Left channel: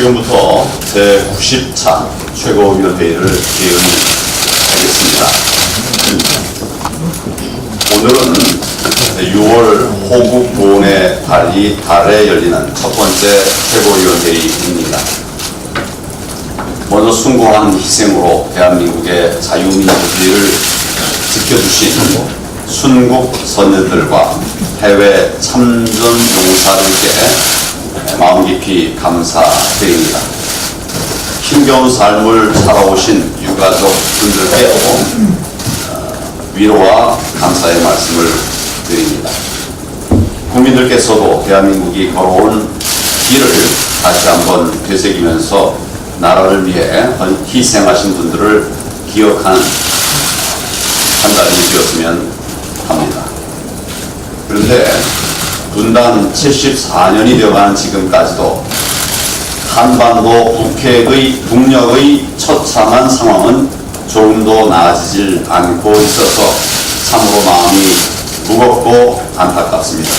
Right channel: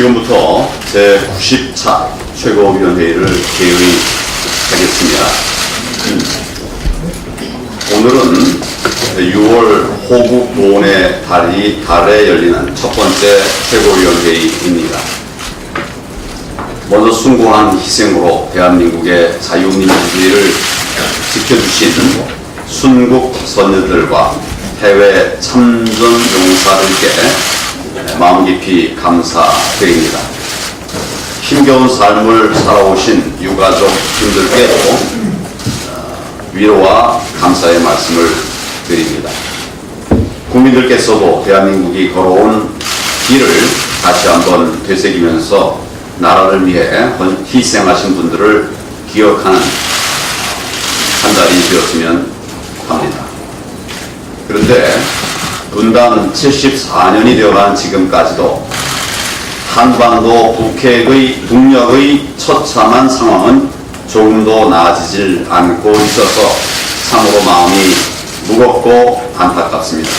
지금부터 제90차 최고위원회의를 개의하겠습니다. 오늘은 6월 호국 보훈의 달에 열리는 첫 번째 최고위원회의입니다. 먼저 숭고한 희생으로 대한민국의 자유민주주의를 지켜주신 순국 선녀들과 해외 참전 용사들께 마음 깊이 감사드립니다. 힘겨운 삶을 살아오신 유가족 분들께도 위로와 감사의 말씀을 드립니다. 국민들께서도 대한민국이 걸어온 길을 다시 한번 되새기면서 나라를 위해 희생하신 분들을 기억하는 한 달이 되었으면 합니다. 그런데 분단 74년이 되어가는 지금까지도 한반도 북핵의 북녘의 처참한 상황은 조금도 나아지질 않고 있어서 참으로 마음이 무겁고 안타깝습니다.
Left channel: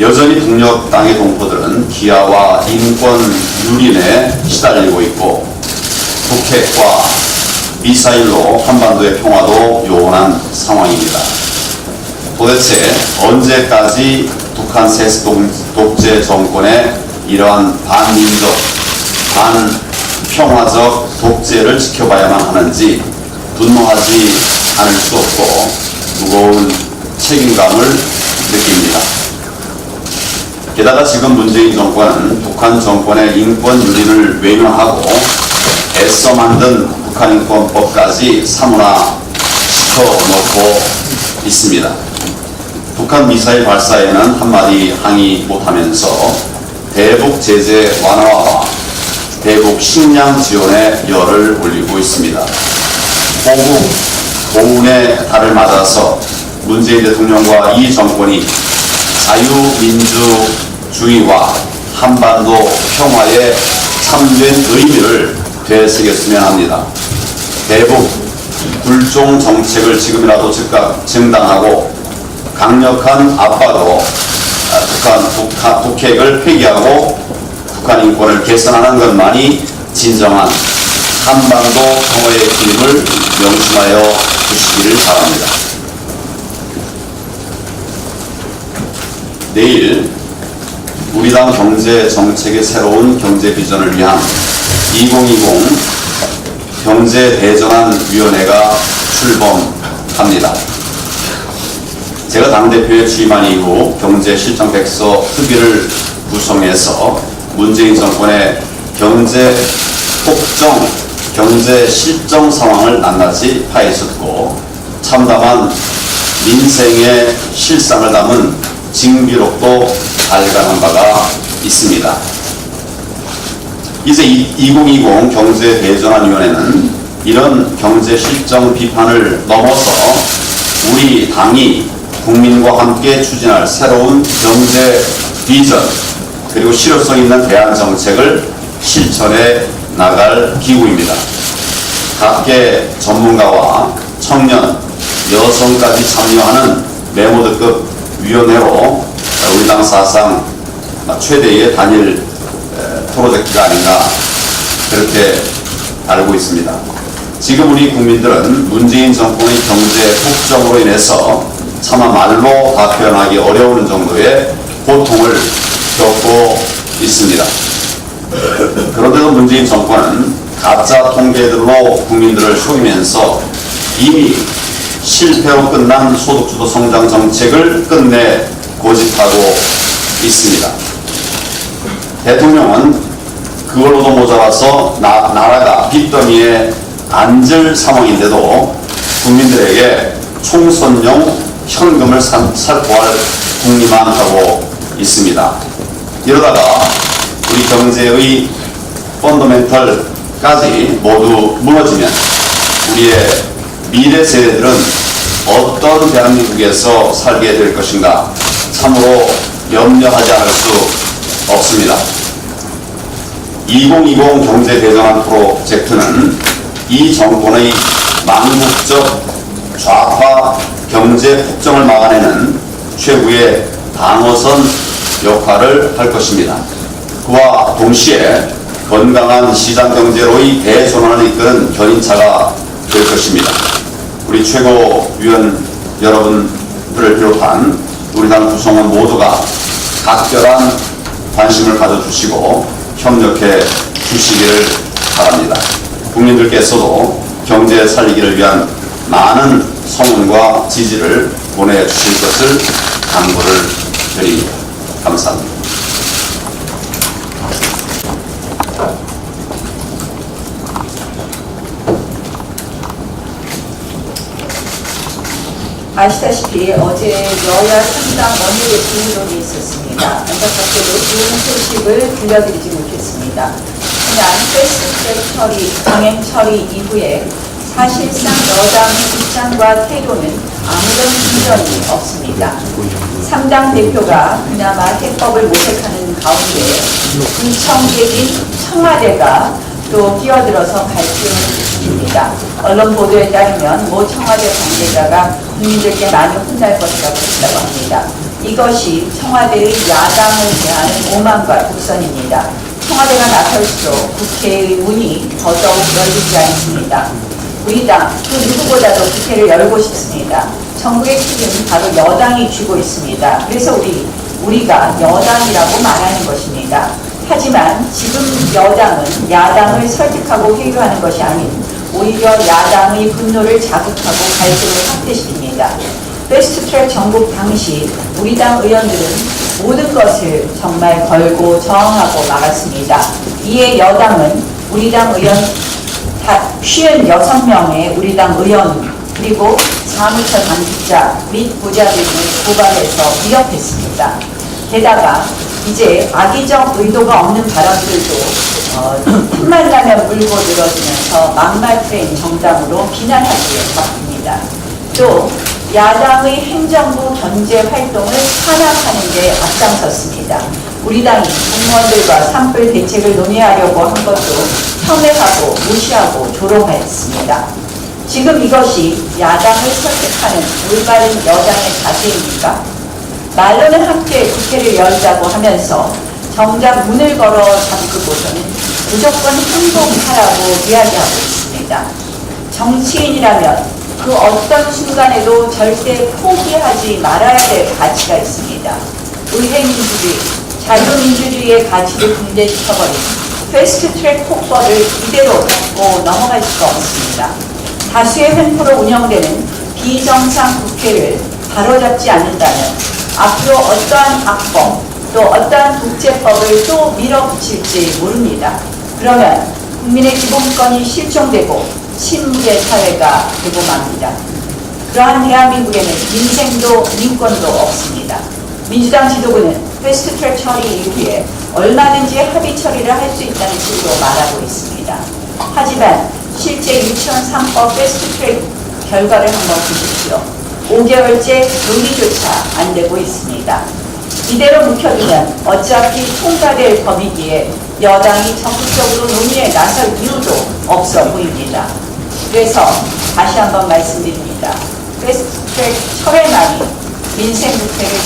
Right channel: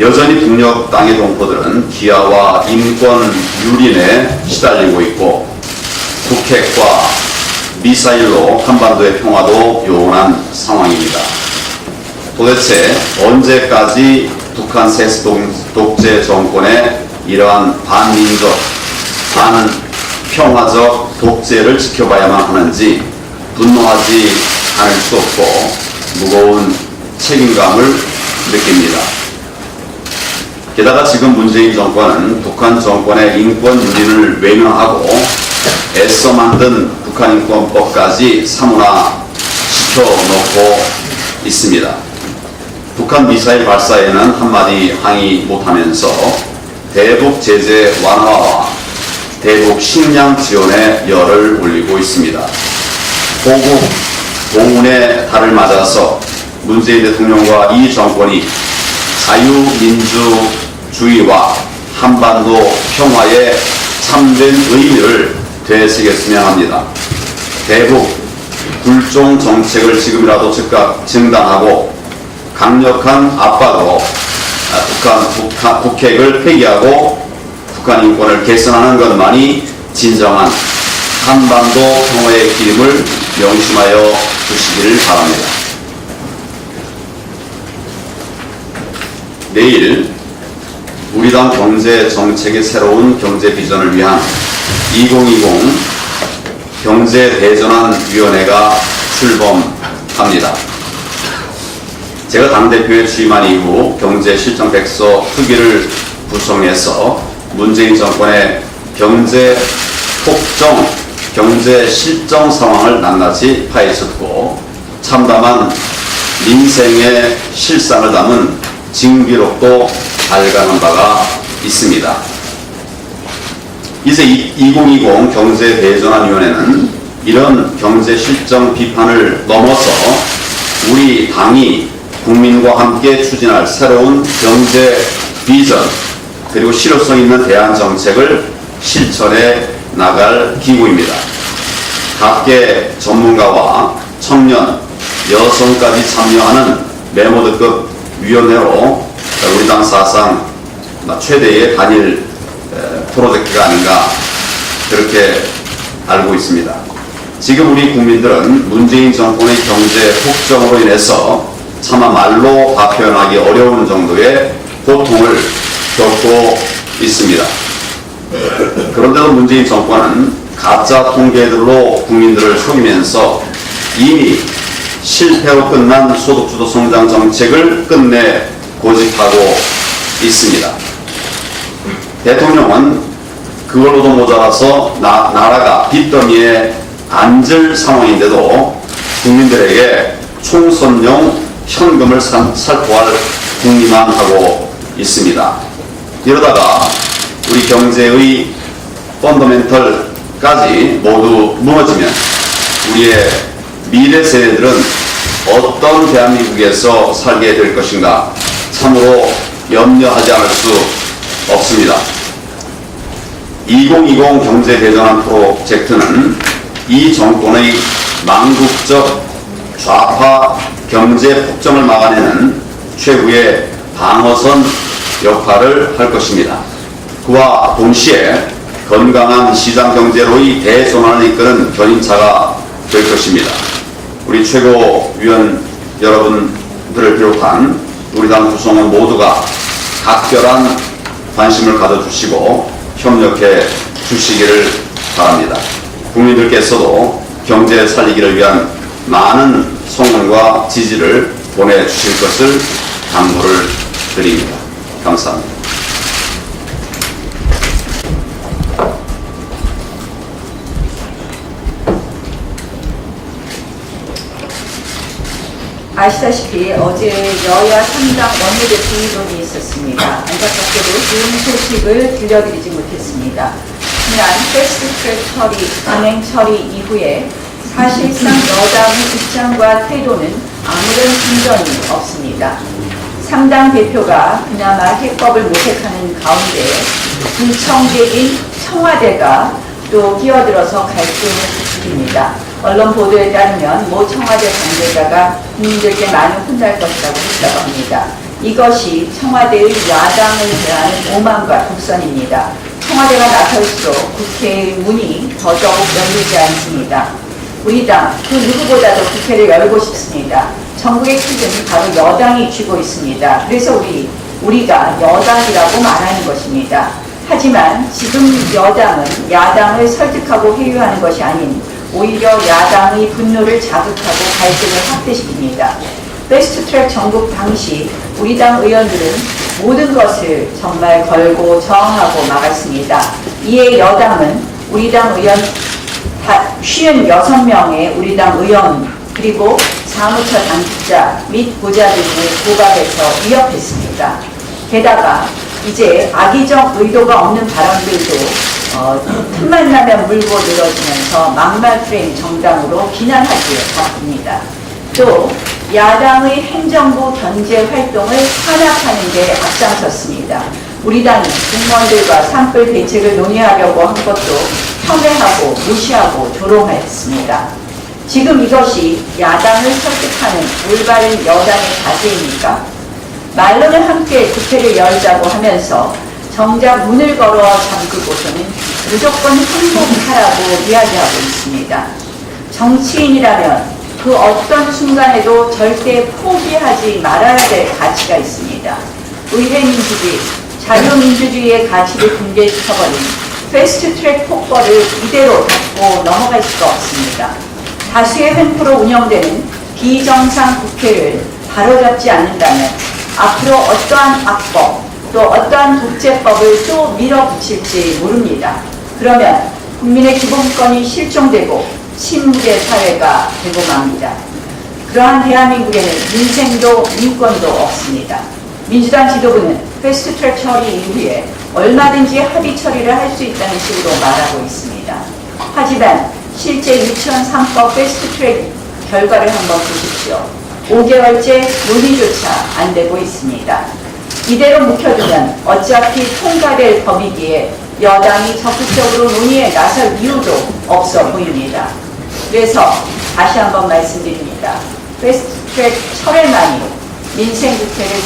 여전히 북녘 땅의 동포들은 기아와 인권 유린에 시달리고 있고 북핵과 미사일로 한반도의 평화도 요원한 상황입니다. 도대체 언제까지 북한 세습 독재 정권의 이러한 반민족, 반평화적 독재를 지켜봐야만 하는지 분노하지 않을 수 없고 무거운 책임감을 느낍니다. 게다가 지금 문재인 정권은 북한 정권의 인권 유린을 외면하고 애써 만든 북한인권법까지 사문화 시켜놓고 있습니다. 북한 미사일 발사에는 한마디 항의 못하면서 대북 제재 완화와 대북 식량 지원에 열을 올리고 있습니다. 호국 보훈의 달을 맞아서 문재인 대통령과 이 정권이 자유민주주의와 한반도 평화의 참된 의미를 되새겼으면 합니다. 대북 굴종 정책을 지금이라도 즉각 중단하고 강력한 압박으로 북핵을 폐기하고 북한 인권을 개선하는 것만이 진정한 한반도 평화의 기름을 명심하여 주시기를 바랍니다. 내일 우리 당 경제 정책의 새로운 경제 비전을 위한 2020 경제대전환위원회가 출범합니다. 제가 당대표에 취임한 이후 경제실정백서 특위를 구성해서 문재인 정권의 경제폭정, 경제실정 상황을 낱낱이 파헤쳤고 참담한 민생의 실상을 담은 징비록도 발간한 바가 있습니다. 이제 2020 경제대전환위원회는 이런 경제실정 비판을 넘어서 우리 당이 국민과 함께 추진할 새로운 경제 비전 그리고 실효성 있는 대안 정책을 실천해 나갈 기구입니다. 각계 전문가와 청년, 여성까지 참여하는 메모드급 위원회로 우리 당 사상 최대의 단일 프로젝트가 아닌가 그렇게 알고 있습니다. 지금 우리 국민들은 문재인 정권의 경제 폭정으로 인해서 차마 말로 다 표현하기 어려운 정도의 고통을 겪고 있습니다. 그런데도 문재인 정권은 가짜 통계들로 국민들을 속이면서 이미 실패로 끝난 소득주도 성장 정책을 끝내 고집하고 있습니다. 대통령은 그걸로도 모자라서 나라가 빚더미에 앉을 상황인데도 국민들에게 총선용 현금을 살포할 궁리만 하고 있습니다. 이러다가 우리 경제의 펀더멘털까지 모두 무너지면 우리의 미래 세대들은 어떤 대한민국에서 살게 될 것인가 참으로 염려하지 않을 수 없습니다. 2020 경제대전환 프로젝트는 이 정권의 망국적 좌파 경제 폭정을 막아내는 최후의 방어선 역할을 할 것입니다. 그와 동시에 건강한 시장 경제로의 대전환을 이끄는 견인차가 될 것입니다. 우리 최고위원 여러분들을 비롯한 우리 당 구성원 모두가 각별한 관심을 가져주시고 협력해 주시기를 바랍니다. 국민들께서도 경제 살리기를 위한 많은 성원과 지지를 보내주실 것을 당부를 드립니다. 감사합니다. 아시다시피 어제 여야 3당 원내대 통일론이 있었습니다. 안타깝게도 좋은 소식을 들려드리지 못했습니다. 지난 패스트트랙 처리, 강행 처리 이후에 사실상 여당의 입장과 태도는 아무런 진전이 없습니다. 3당 대표가 그나마 해법을 모색하는 가운데 구청객인 청와대가 또 끼어들어서 갈등을 부추깁니다. 언론 보도에 따르면 모 청와대 관계자가 국민들께 많이 혼날 것이라고 했다고 합니다. 이것이 청와대의 야당을 대한 오만과 독선입니다. 청와대가 나설수록 국회의 문이 더더욱 열리지 않습니다. 우리 당 그 누구보다도 국회를 열고 싶습니다. 전국의 책임은 바로 여당이 쥐고 있습니다. 그래서 우리가 여당이라고 말하는 것입니다. 하지만 지금 여당은 야당을 설득하고 회유하는 것이 아닌 오히려 야당의 분노를 자극하고 갈등을 확대시킵니다. 패스트트랙 정국 당시 우리 당 의원들은 모든 것을 정말 걸고 저항하고 막았습니다. 이에 여당은 우리 당 의원 56명의 우리 당 의원 그리고 사무처 당직자 및 부자들을 고발해서 위협했습니다. 게다가 이제 악의적 의도가 없는 발언들도 틈만 나면 물고 늘어지면서 막말 프레임 정당으로 비난하기에 바쁩니다. 또 야당의 행정부 견제 활동을 탄압하는 데 앞장섰습니다. 우리 당이 국무원들과 산불 대책을 논의하려고 한 것도 폄훼하고 무시하고 조롱했습니다. 지금 이것이 야당을 설득하는 올바른 여당의 자세입니까? 말로는 함께 국회를 열자고 하면서 정작 문을 걸어 잠그고서는 무조건 항복하라고 이야기하고 있습니다. 정치인이라면 그 어떤 순간에도 절대 포기하지 말아야 될 가치가 있습니다. 의회민주주의, 자유민주주의의 가치를 붕괴시켜버린 패스트트랙 폭거를 이대로 덮고 넘어갈 수가 없습니다. 다수의 횡포로 운영되는 비정상 국회를 바로잡지 않는다면 앞으로 어떠한 악법 또 어떠한 독재법을 또 밀어붙일지 모릅니다. 그러면 국민의 기본권이 실종되고 신무제 사회가 되고 맙니다. 그러한 대한민국에는 민생도 민권도 없습니다. 민주당 지도부는 패스트트랙 처리 이후에 얼마든지 합의 처리를 할 수 있다는 식으로 말하고 있습니다. 하지만 실제 유치원 3법 패스트트랙 결과를 한번 보십시오. 5개월째 논의조차 안 되고 있습니다. 이대로 묵혀두면 어차피 통과될 법이기에 여당이 적극적으로 논의에 나설 이유도 없어 보입니다. 그래서 다시 한번 말씀드립니다. 패스트트랙 철회만이 민생 국회를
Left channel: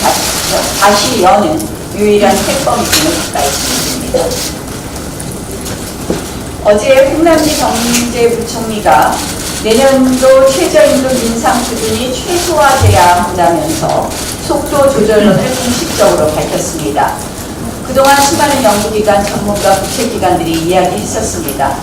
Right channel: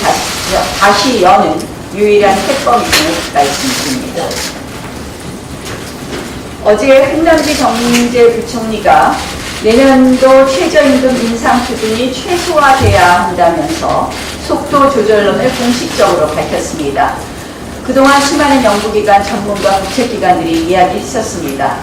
다시 여는 유일한 해법임을 말씀드립니다. 어제 홍남기 경제부총리가 내년도 최저임금 인상 수준이 최소화돼야 한다면서 속도 조절론을 공식적으로 밝혔습니다. 그동안 수많은 연구기관, 전문가, 국책기관들이 이야기했었습니다.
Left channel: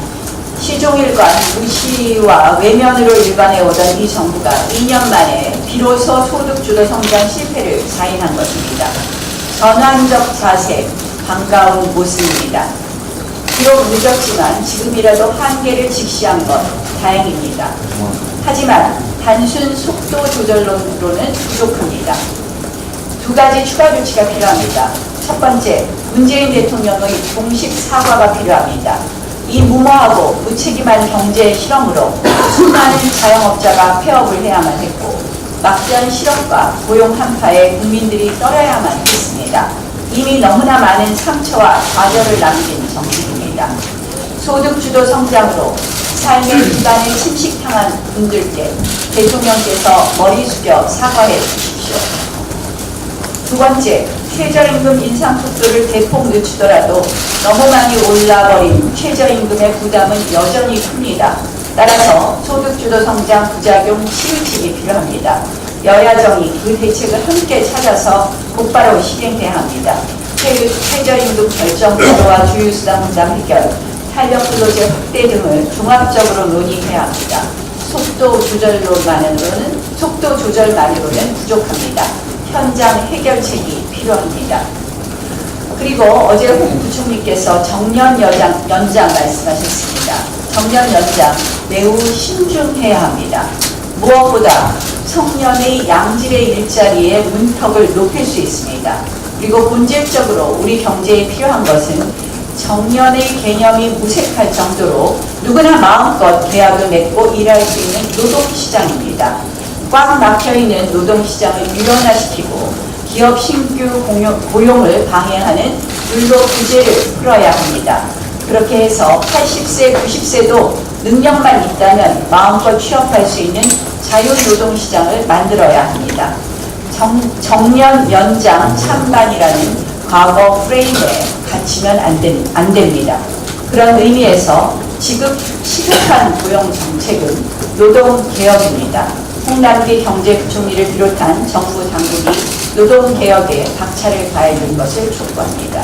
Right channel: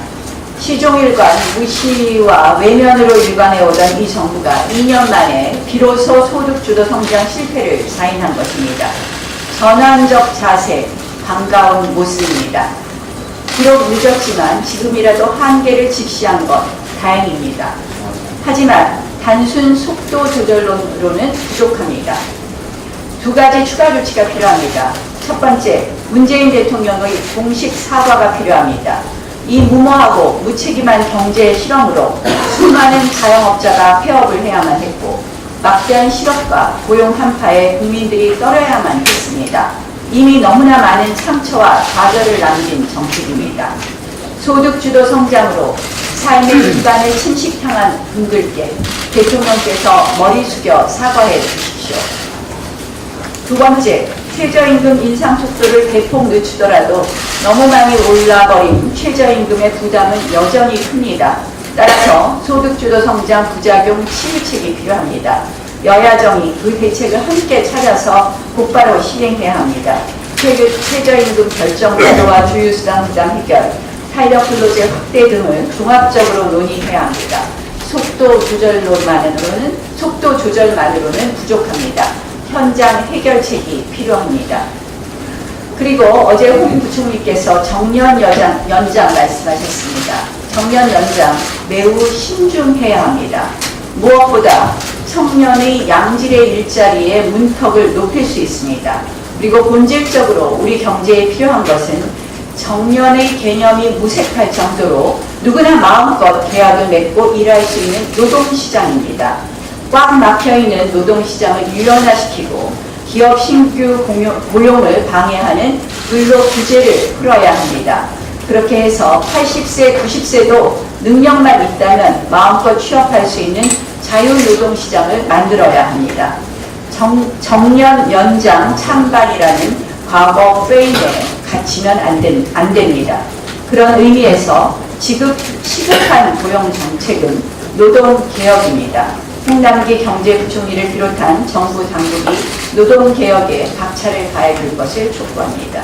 시종일관 무시와 외면으로 일관해오던 이 정부가 2년 만에 비로소 소득주도 성장 실패를 사인한 것입니다. 전환적 자세, 반가운 모습입니다. 비록 늦었지만 지금이라도 한계를 직시한 것 다행입니다. 하지만 단순 속도 조절론으로는 부족합니다. 두 가지 추가 조치가 필요합니다. 첫 번째, 문재인 대통령의 공식 사과가 필요합니다. 이 무모하고 무책임한 경제 실험으로 수많은 자영업자가 폐업을 해야만 했고 막대한 실업과 고용 한파에 국민들이 떨어야만 했습니다. 이미 너무나 많은 상처와 좌절을 남긴 정책입니다. 소득주도 성장으로 삶의 기반을 침식당한 분들께 대통령께서 머리 숙여 사과해 주십시오. 두 번째, 최저임금 인상 속도를 대폭 늦추더라도 너무 많이 올라버린 최저임금의 부담은 여전히 큽니다. 따라서 소득주도 성장 부작용 치유책이 필요합니다. 여야정이 그 대책을 함께 찾아서 곧바로 실행해야 합니다. 최저임금 결정 제도와 주유수당 부담 해결, 탄력근로제 확대 등을 종합적으로 논의해야 합니다. 속도 조절만으로는 부족합니다. 현장 해결책이 필요합니다. 그리고 어제 홍 부총리께서 정년 연장 말씀하셨습니다. 정년 연장 매우 신중해야 합니다. 무엇보다 청년의 양질의 일자리의 문턱을 높일 수 있습니다. 그리고 본질적으로 우리 경제에 필요한 것은 정년의 개념이 무색할 정도로 누구나 마음껏 계약을 맺고 일할 수 있는 노동시장입니다. 꽉 막혀있는 노동시장을 유연화시키고 기업 신규 고용을 방해하는 근로 규제를 풀어야 합니다. 그렇게 해서 80세, 90세도 능력만 있다면 마음껏 취업할 수 있는 자유노동시장을 만들어야 합니다. 정년 연장 찬반이라는 과거 프레임에 갇히면 안 됩니다. 그런 의미에서 시급한 고용 정책은 노동개혁입니다. 홍남기 경제부총리를 비롯한 정부 당국이 노동개혁에 박차를 가해줄 것을 촉구합니다.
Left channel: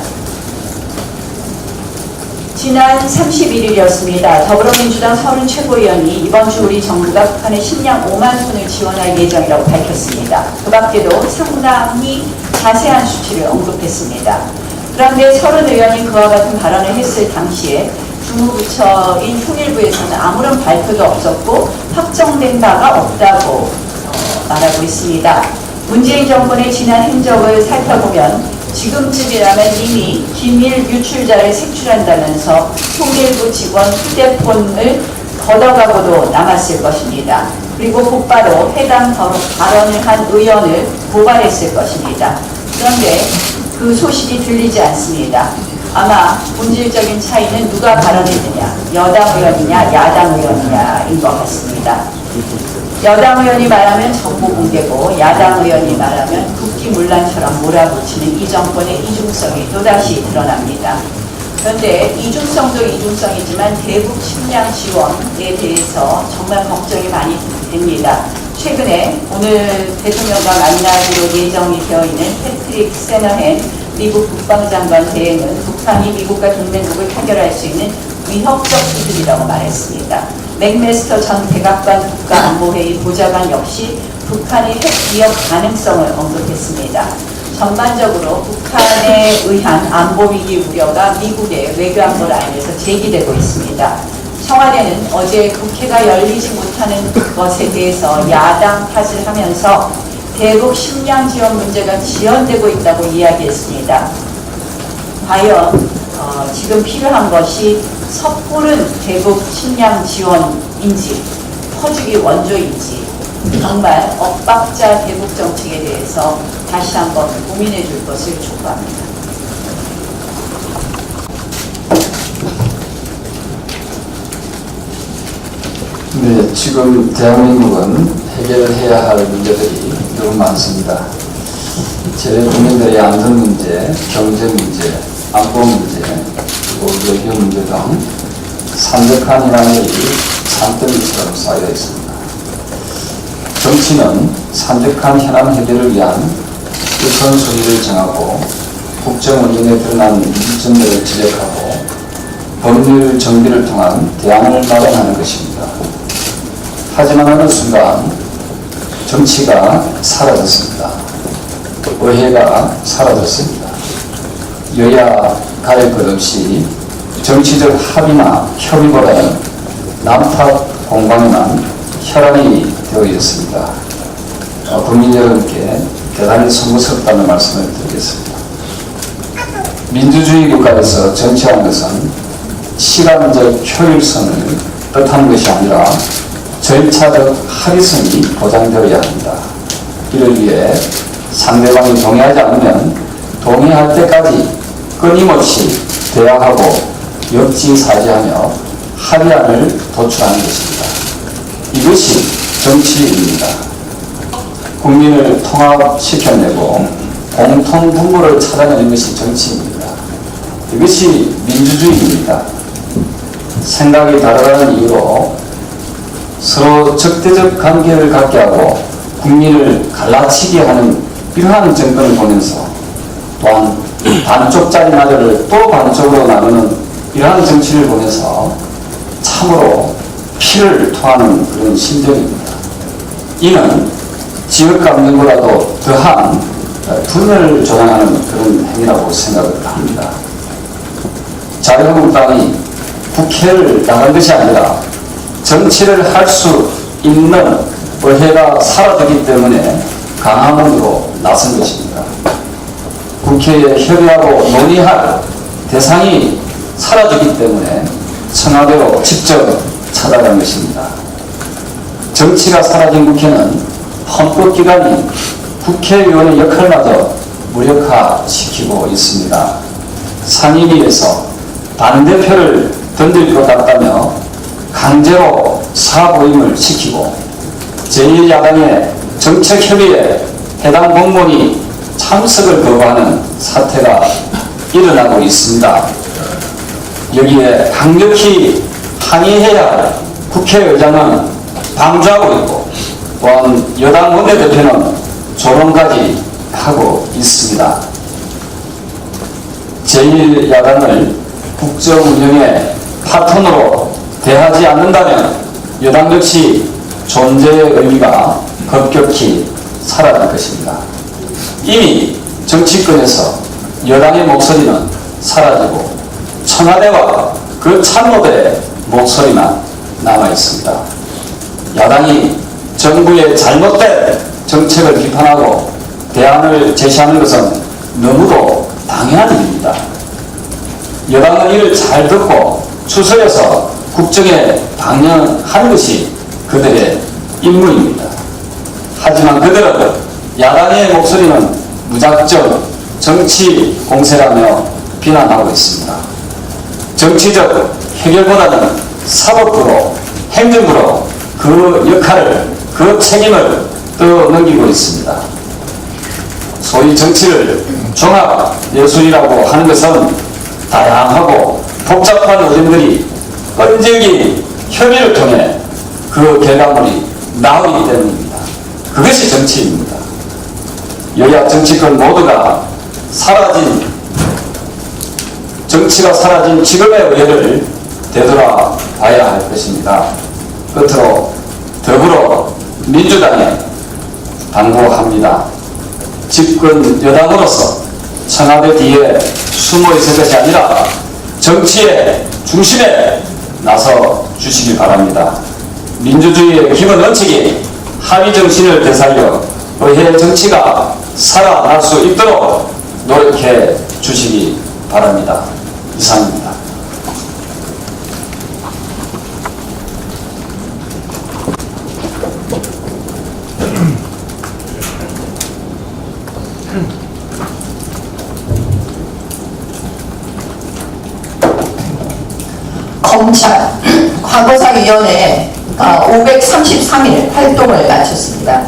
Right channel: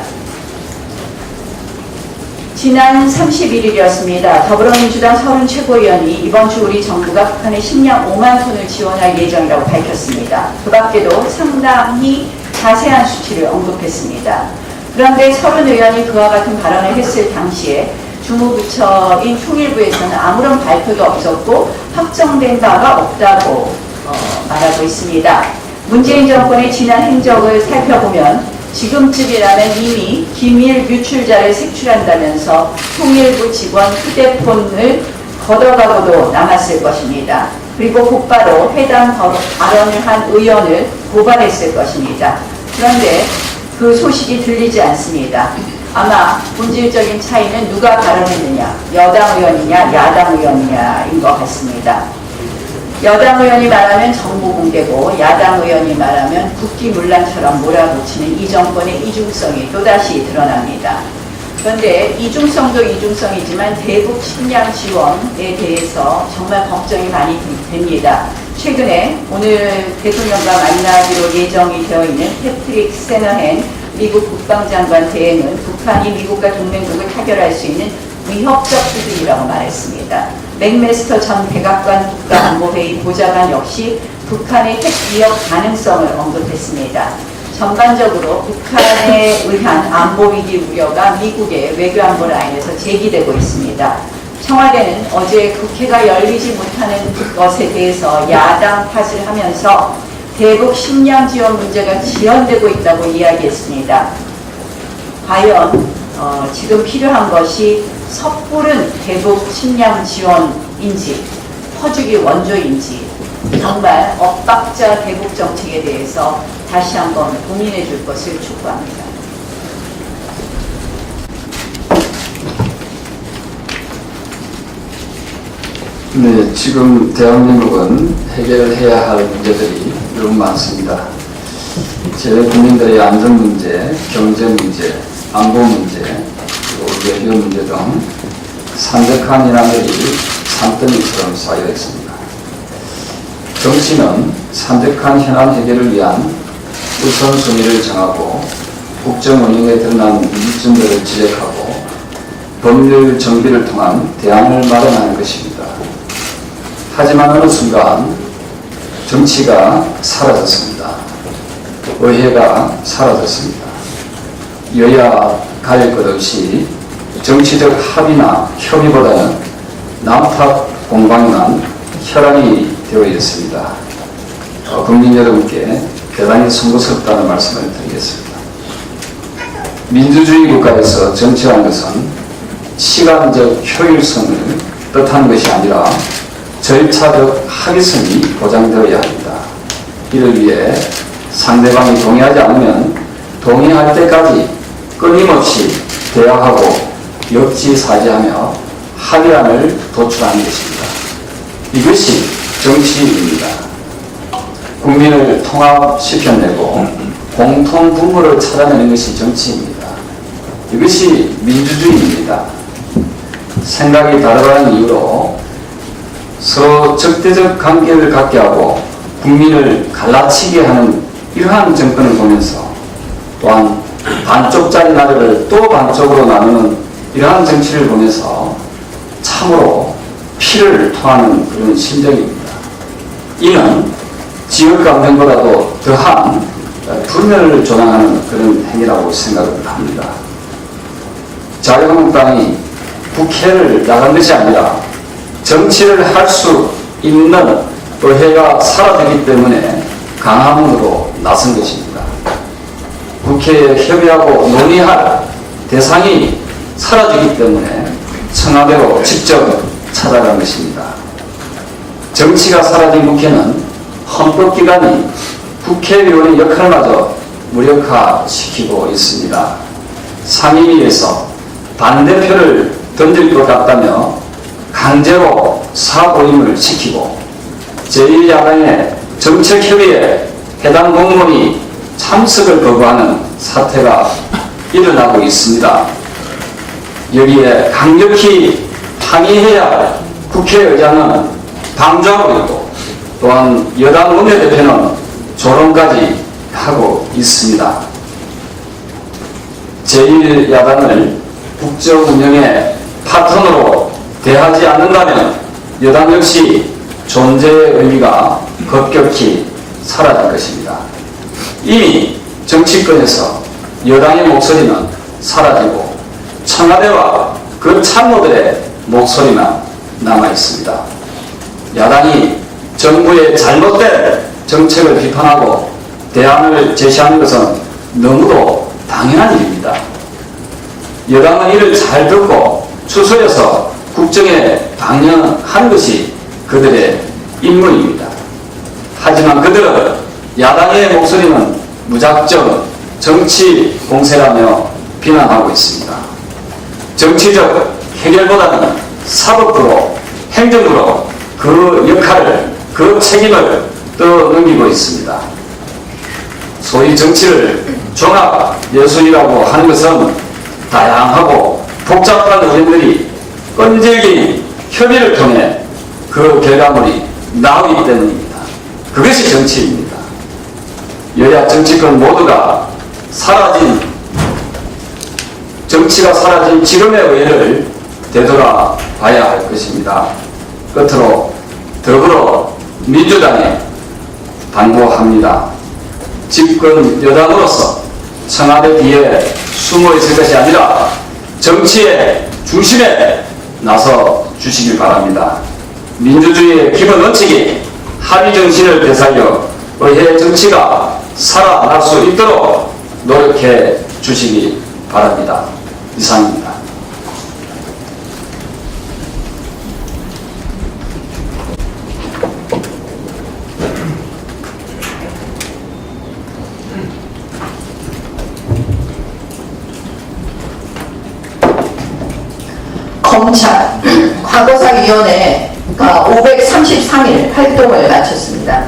지난 31일이었습니다. 더불어민주당 서른 최고위원이 이번 주 우리 정부가 북한에 식량 5만 톤을 지원할 예정이라고 밝혔습니다. 그 밖에도 상당히 자세한 수치를 언급했습니다. 그런데 서른 의원이 그와 같은 발언을 했을 당시에 주무부처인 통일부에서는 아무런 발표도 없었고 확정된 바가 없다고 말하고 있습니다. 문재인 정권의 지난 행적을 살펴보면 지금쯤이라면 이미 기밀 유출자를 색출한다면서 통일부 직원 휴대폰을 걷어가고도 남았을 것입니다. 그리고 곧바로 해당 발언을 한 의원을 고발했을 것입니다. 그런데 그 소식이 들리지 않습니다. 아마 본질적인 차이는 누가 발언했느냐, 여당 의원이냐 야당 의원이냐인 것 같습니다. 여당 의원이 말하면 정보 공개고 야당 의원이 말하면 국기문란처럼 몰아붙이는 이 정권의 이중성이 또다시 드러납니다. 그런데 이중성도 이중성이지만 대북 식량 지원에 대해서 정말 걱정이 많이 됩니다. 최근에 오늘 대통령과 만나기로 예정이 되어 있는 패트릭 세너헨 미국 국방장관 대행은 북한이 미국과 동맹국을 타결할 수 있는 위협적 수준이라고 말했습니다. 맥메스터 전 백악관 국가안보회의 보좌관 역시 북한의 핵 위협 가능성을 언급했습니다. 전반적으로 북한에 의한 안보위기 우려가 미국의 외교안보 라인에서 제기되고 있습니다. 청와대는 어제 국회가 열리지 못하는 것에 대해서 야당 탓을 하면서 대북 식량 지원 문제가 지연되고 있다고 이야기했습니다. 과연 지금 필요한 것이 섣부른 대북 식량 지원인지 퍼주기 원조인지 정말 엇박자 대북 정책에 대해서 다시 한번 고민해 줄 것을 촉구합니다. 네, 지금 대한민국은 해결해야 할 문제들이 너무 많습니다. 제 국민들의 안전 문제, 경제 문제, 안보 문제, 그리고 외교 문제 등 산적한 현안들이 산더미처럼 쌓여 있습니다. 정치는 산적한 현안 해결을 위한 우선순위를 정하고 국정 운영에 드러난 문제점들을 지적하고 법률 정비를 통한 대안을 마련하는 것입니다. 하지만 어느 순간 정치가 사라졌습니다. 의회가 사라졌습니다. 여야 가릴 것 없이 정치적 합의나 협의보다는 남탓 공방만 혈안이 되어 있습니다. 국민 여러분께 대단히 송구스럽다는 말씀을 드리겠습니다. 민주주의 국가에서 정치라는 것은 시간적 효율성을 뜻하는 것이 아니라 절차적 합의성이 보장되어야 합니다. 이를 위해 상대방이 동의하지 않으면 동의할 때까지 끊임없이 대화하고 역지사지하며 합의안을 도출하는 것입니다. 이것이 정치입니다. 국민을 통합시켜내고 공통분모를 찾아내는 것이 정치입니다. 이것이 민주주의입니다. 생각이 다르다는 이유로 서로 적대적 관계를 갖게 하고 국민을 갈라치게 하는 이러한 정권을 보면서 또한 반쪽짜리 나라를 또 반쪽으로 나누는 이러한 정치를 보면서 참으로 피를 토하는 그런 심정입니다. 이는 지역감정보다도 더한 분열을 조장하는 그런 행위라고 생각을 합니다. 자유한국당이 국회를 나간 것이 아니라 정치를 할 수 있는 의회가 사라지기 때문에 강화문으로 나선 것입니다. 국회에 협의하고 논의할 대상이 사라지기 때문에 청와대로 직접 찾아간 것입니다. 정치가 사라진 국회는 헌법기관이 국회의원의 역할마저 무력화시키고 있습니다. 상임위에서 반대표를 던질 것 같다며 강제로 사보임을 시키고 제1야당의 정책협의에 해당 공무원이 참석을 거부하는 사태가 일어나고 있습니다. 여기에 강력히 항의해야 할 국회의장은 방조하고 있고 또한 여당 원내대표는 조롱까지 하고 있습니다. 제1야당을 국정 운영의 파트너로 대하지 않는다면 여당 역시 존재의 의미가 급격히 사라질 것입니다. 이미 정치권에서 여당의 목소리는 사라지고 청와대와 그 참모들의 목소리만 남아 있습니다. 야당이 정부의 잘못된 정책을 비판하고 대안을 제시하는 것은 너무도 당연한 일입니다. 여당은 이를 잘 듣고 추서해서 국정에 방영하는 것이 그들의 임무입니다. 하지만 그들은 야당의 목소리는 무작정 정치 공세라며 비난하고 있습니다. 정치적 해결보다는 사법부로 행정부로 그 역할을 그 책임을 떠넘기고 있습니다. 소위 정치를 종합예술이라고 하는 것은 다양하고 복잡한 의견들이 끈질긴 협의를 통해 그 결과물이 나오기 때문입니다. 그것이 정치입니다. 여야 정치권 모두가 정치가 사라진 지금의 의회를 되돌아봐야 할 것입니다. 끝으로 더불어민주당에 당부합니다. 집권 여당으로서 청와대 뒤에 숨어 있을 것이 아니라 정치의 중심에 나서 주시길 바랍니다. 민주주의의 기본 원칙이 합의 정신을 되살려 의회 정치가 살아날 수 있도록 노력해 주시기 바랍니다. 이상입니다. 검찰 과거사위원회가 533일 활동을 마쳤습니다.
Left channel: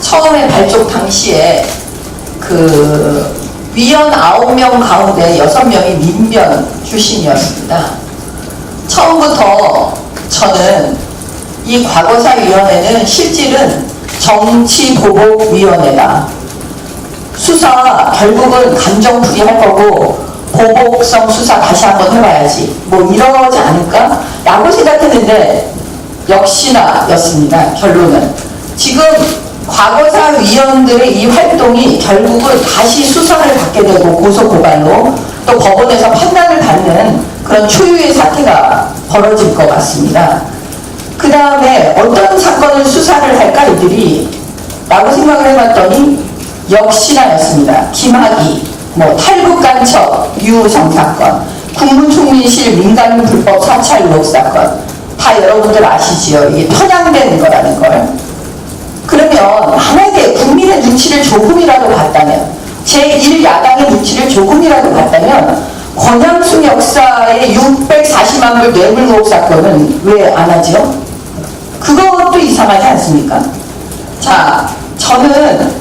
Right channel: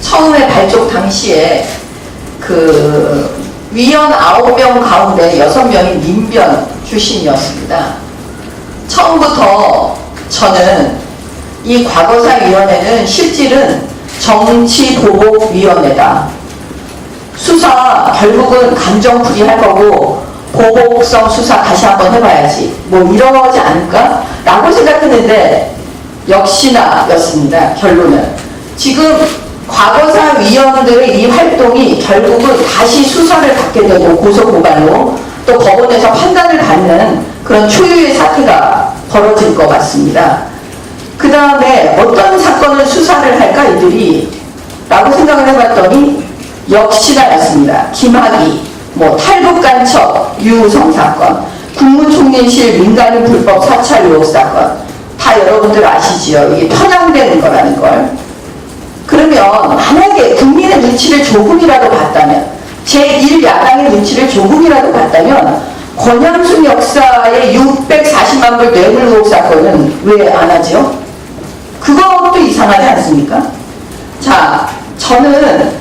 처음에 발족 당시에 그 위원 9명 가운데 6명이 민변 출신이었습니다. 처음부터 저는 이 과거사위원회는 실질은 정치보복위원회다. 수사 결국은 감정풀이할 거고 보복성 수사 다시 한번 해봐야지 뭐 이러지 않을까? 라고 생각했는데 역시나 였습니다. 결론은 지금 과거사 위원들의 이 활동이 결국은 다시 수사를 받게 되고 고소고발로 또 법원에서 판단을 받는 그런 초유의 사태가 벌어질 것 같습니다. 그 다음에 어떤 사건을 수사를 할까 이들이 라고 생각을 해봤더니 역시나였습니다. 김학의, 탈북 간첩, 유우성 사건, 국무총리실 민간 불법 사찰 의혹 사건 다 여러분들 아시지요? 이게 편향된 거라는 걸. 그러면 만약에 국민의 눈치를 조금이라도 봤다면, 제1야당의 눈치를 조금이라도 봤다면 권양순 역사의 640만 불 뇌물 의혹 사건은 왜 안 하죠? 그것도 이상하지 않습니까? 자, 저는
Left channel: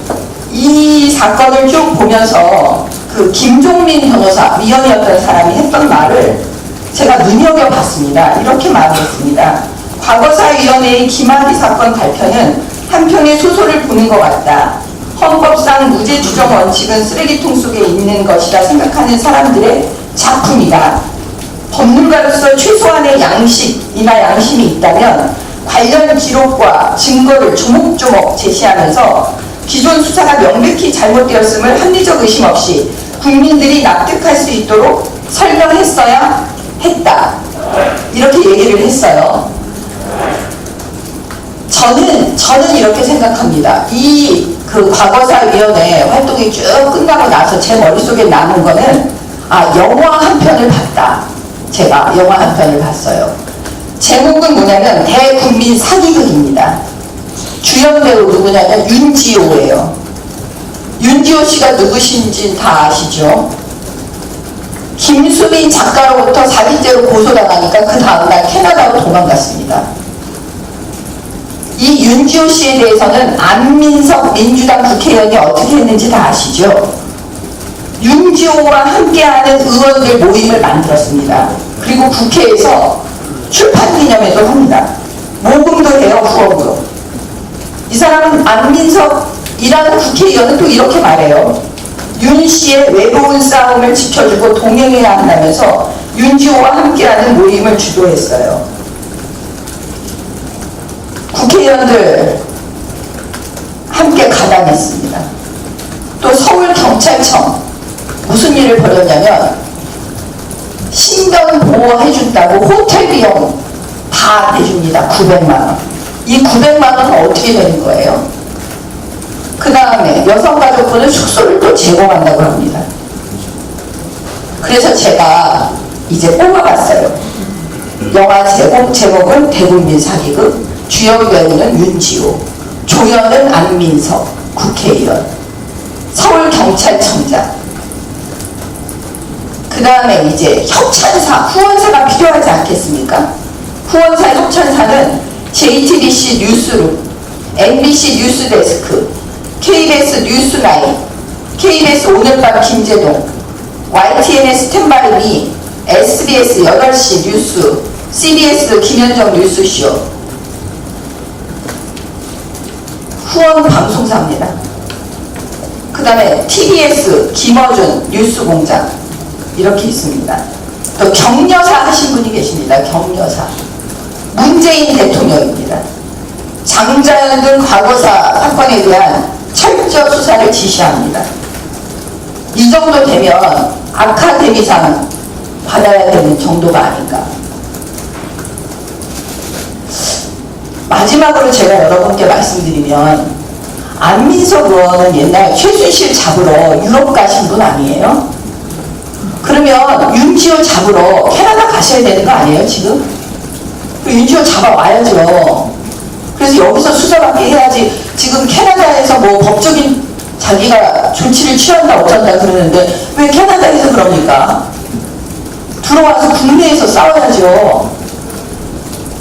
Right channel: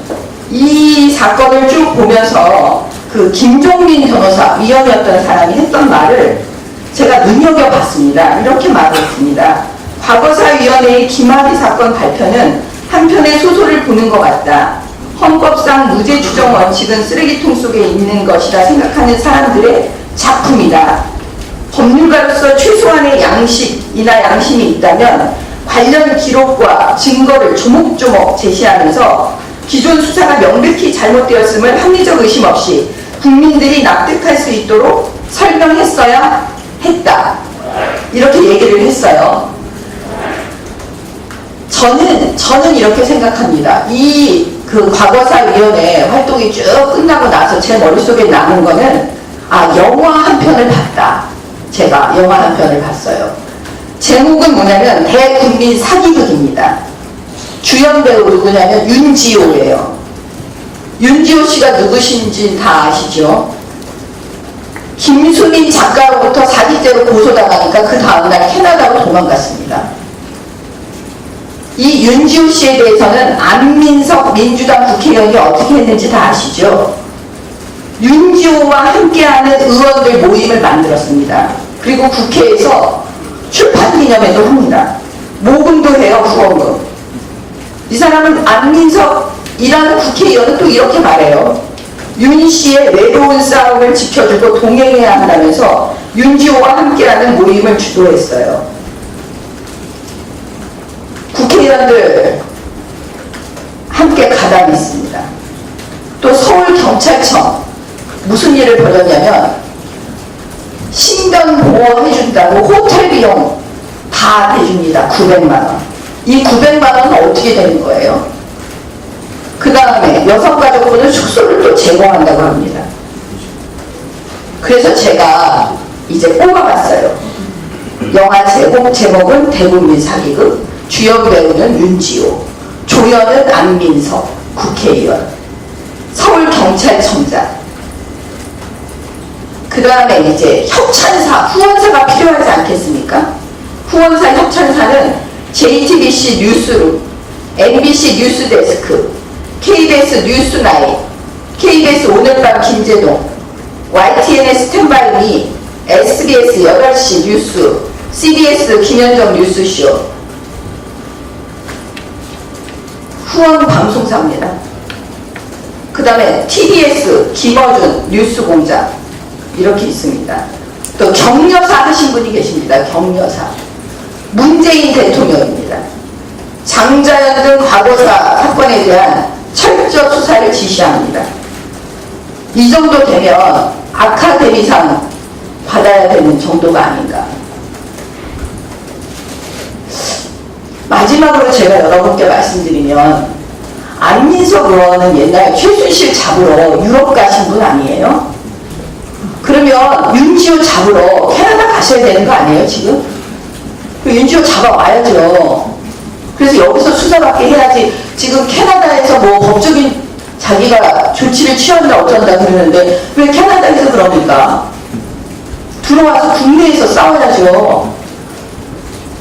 이 사건을 쭉 보면서 그 김종민 변호사, 위원이었던 사람이 했던 말을 제가 눈여겨봤습니다. 이렇게 말했습니다. 과거사위원회의 김학의 사건 발표는 한편의 소설을 보는 것 같다. 헌법상 무죄 추정 원칙은 쓰레기통 속에 있는 것이다 생각하는 사람들의 작품이다. 법률가로서 최소한의 양식이나 양심이 있다면 관련 기록과 증거를 조목조목 제시하면서 기존 수사가 명백히 잘못되었음을 합리적 의심 없이 국민들이 납득할 수 있도록 설명했어야 했다. 이렇게 얘기를 했어요. 저는 이렇게 생각합니다. 그 과거사위원회 활동이 쭉 끝나고 나서 제 머릿속에 남은 거는 영화 한 편을 봤다. 제가 영화 한 편을 봤어요. 제목은 뭐냐면 대국민 사기극입니다. 주연 배우 누구냐면 윤지호예요. 윤지호 씨가 누구신지 다 아시죠? 김수민 작가로부터 사기죄로 고소당하니까 그 다음날 캐나다로 도망갔습니다. 이 윤지호 씨에 대해서는 안민석 민주당 국회의원이 어떻게 했는지 다 아시죠? 윤지호와 함께하는 의원들 모임을 만들었습니다. 그리고 국회에서 출판 기념회도 합니다. 모금도 해요, 후원금. 이 사람은 안민석이라는 국회의원은 또 이렇게 말해요. 윤 씨의 외로운 싸움을 지켜주고 동행해야 한다면서 윤지호와 함께하는 모임을 주도했어요. 국회의원들 함께 가담했습니다. 또 서울경찰청 무슨 일을 벌였냐면 신변 보호해준다고 호텔 비용 다 대줍니다. 900만원. 이 900만원은 어떻게 되는 거예요? 그 다음에 여성가족부는 숙소를 또 제공한다고 합니다. 그래서 제가 이제 뽑아봤어요. 영화 제목은 대국민 사기극, 주연 배우는 윤지호, 조연은 안민석 국회의원, 서울경찰청장. 그 다음에 이제 협찬사, 후원사가 필요하지 않겠습니까? 후원사 협찬사는 JTBC 뉴스룸, MBC 뉴스데스크, KBS 뉴스나인, KBS 오늘밤 김재동, YTN의 스탠바이미, SBS 8시 뉴스, CBS 김현정 뉴스쇼, 후원 방송사입니다. 그 다음에 TBS 김어준 뉴스공장 이렇게 있습니다. 또 격려사 하신 분이 계십니다. 격려사 문재인 대통령입니다. 장자연 등 과거사 사건에 대한 철저 수사를 지시합니다. 이 정도 되면 아카데미상 받아야 되는 정도가 아닌가. 마지막으로 제가 여러분께 말씀드리면 안민석 의원은 옛날 최순실 잡으러 유럽 가신 분 아니에요? 그러면 윤지호 잡으러 캐나다 가셔야 되는 거 아니에요 지금? 윤지호 잡아와야죠. 그래서 여기서 수사받게 해야지. 지금 캐나다에서 뭐 법적인 자기가 조치를 취한다 어쩐다 그러는데 왜 캐나다에서 그럽니까? 들어와서 국내에서 싸워야죠.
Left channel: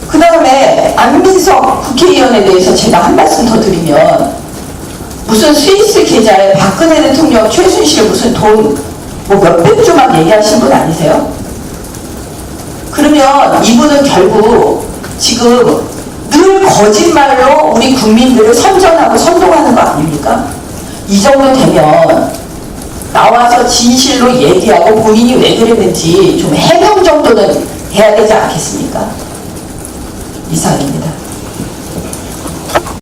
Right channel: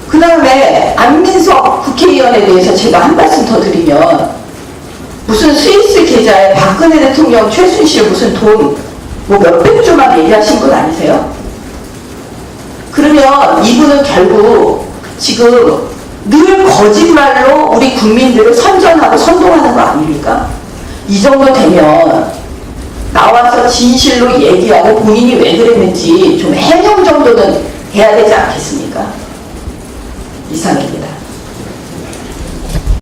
그 다음에 안민석 국회의원에 대해서 제가 한 말씀 더 드리면 무슨 스위스 계좌에 박근혜 대통령 최순실 무슨 돈 뭐 몇백조만 얘기하신 분 아니세요? 그러면 이분은 결국 지금 늘 거짓말로 우리 국민들을 선전하고 선동하는 거 아닙니까? 이 정도 되면 나와서 진실로 얘기하고 본인이 왜 그랬는지 좀 해명 정도는 해야 되지 않겠습니까? 이상입니다.